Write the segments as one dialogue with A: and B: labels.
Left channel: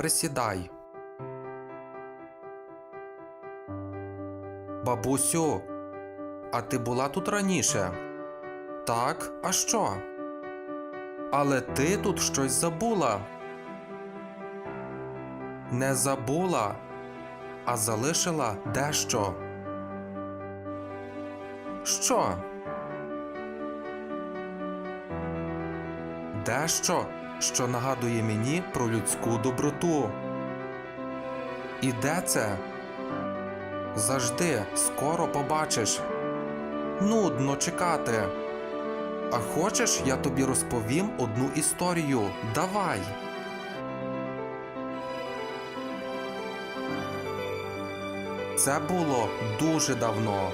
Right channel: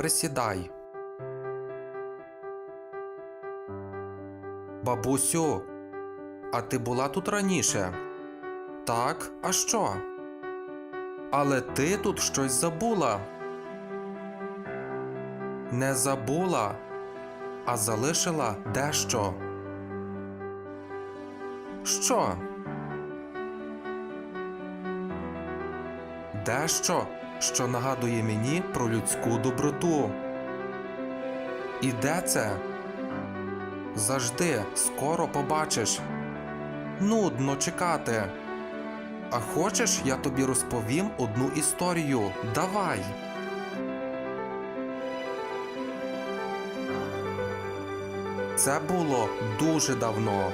A: присідай. Бабусю, а ти була тут раніше? Так, а що? Але ти тут щось забула. Не забула, а залишила дещо. Що? Дещо, що нагадує мені про людську доброту. І де це? Завжди, скоро побачиш. Нудно чекати. А хочеш, я тобі розповім одну історію. Давай. Це було дуже давно.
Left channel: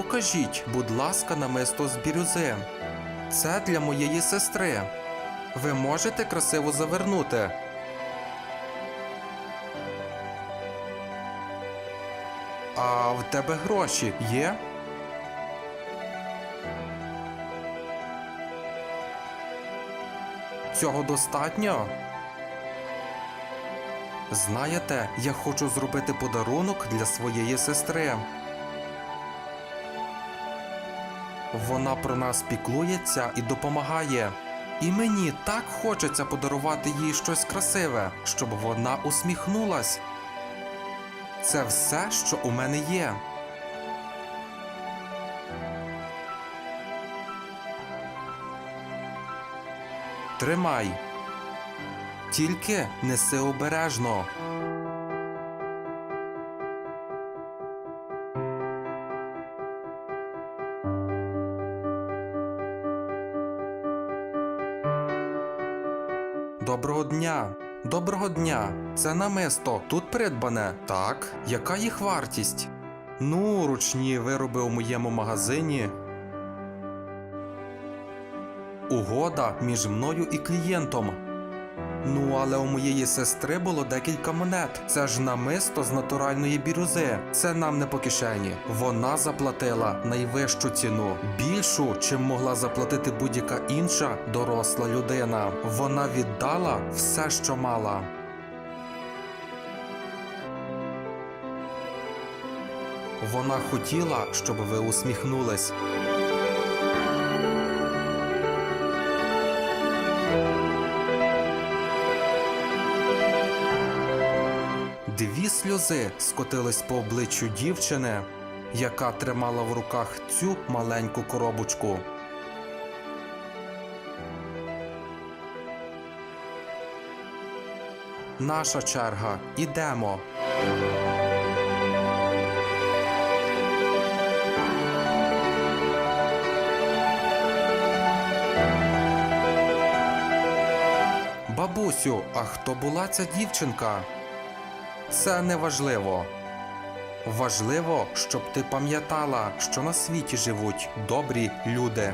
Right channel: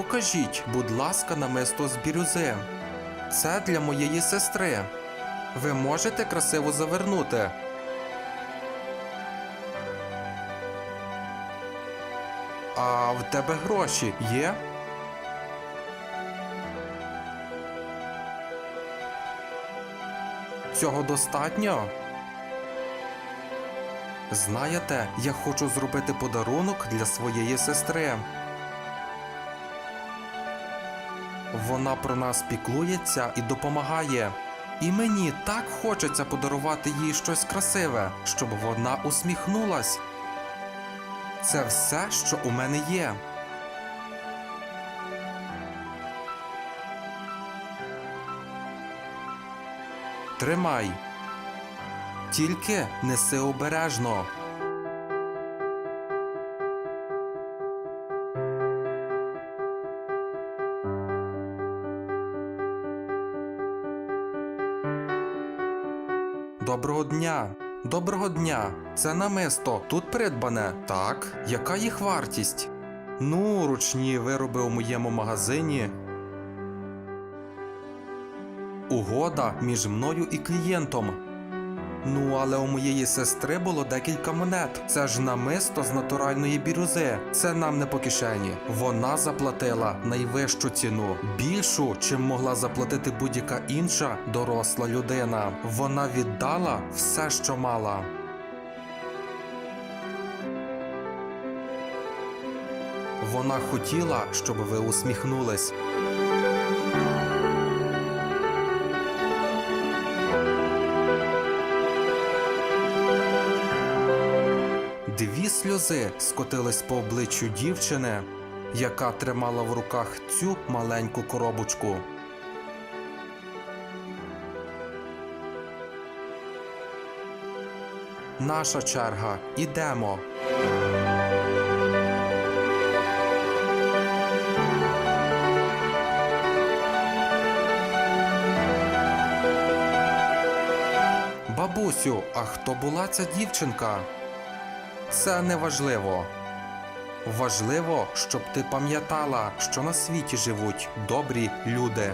A: Покажіть, будь ласка, намисто з бірюзи. Це для моєї сестри. Ви можете красиво завернути. А в тебе гроші є? Цього достатньо? Знаєте, я хочу зробити подарунок для своєї сестри. Вона про нас піклується і допомагає. І мені так хочеться подарувати їй щось красиве, щоб вона усміхнулась. Це все, що у мене є. Тримай. Тільки неси обережно. Доброго дня. Доброго дня. Це намисто тут придбане. Так. Яка їх вартість? Ну, ручні вироби у моєму магазині. Угода між мною і клієнтом. Ну, але у моєї сестри було декілька монет. Це ж намисто з натуральної бірюзи. Це нам не по кишені. Вона заплатила найвищу ціну, більшу, чим могла заплатити будь-яка інша доросла людина. Вона віддала все, що мала. Вона хотіла, щоб ви усміхнулись. Дві сльози скотились по обличчю дівчини, яка тримала в руках цю маленьку коробочку. Наша черга, ідемо. Бабусю, а хто була ця дівчинка? Це не важливо. Важливо, щоб ти пам'ятала, що на світі живуть добрі люди.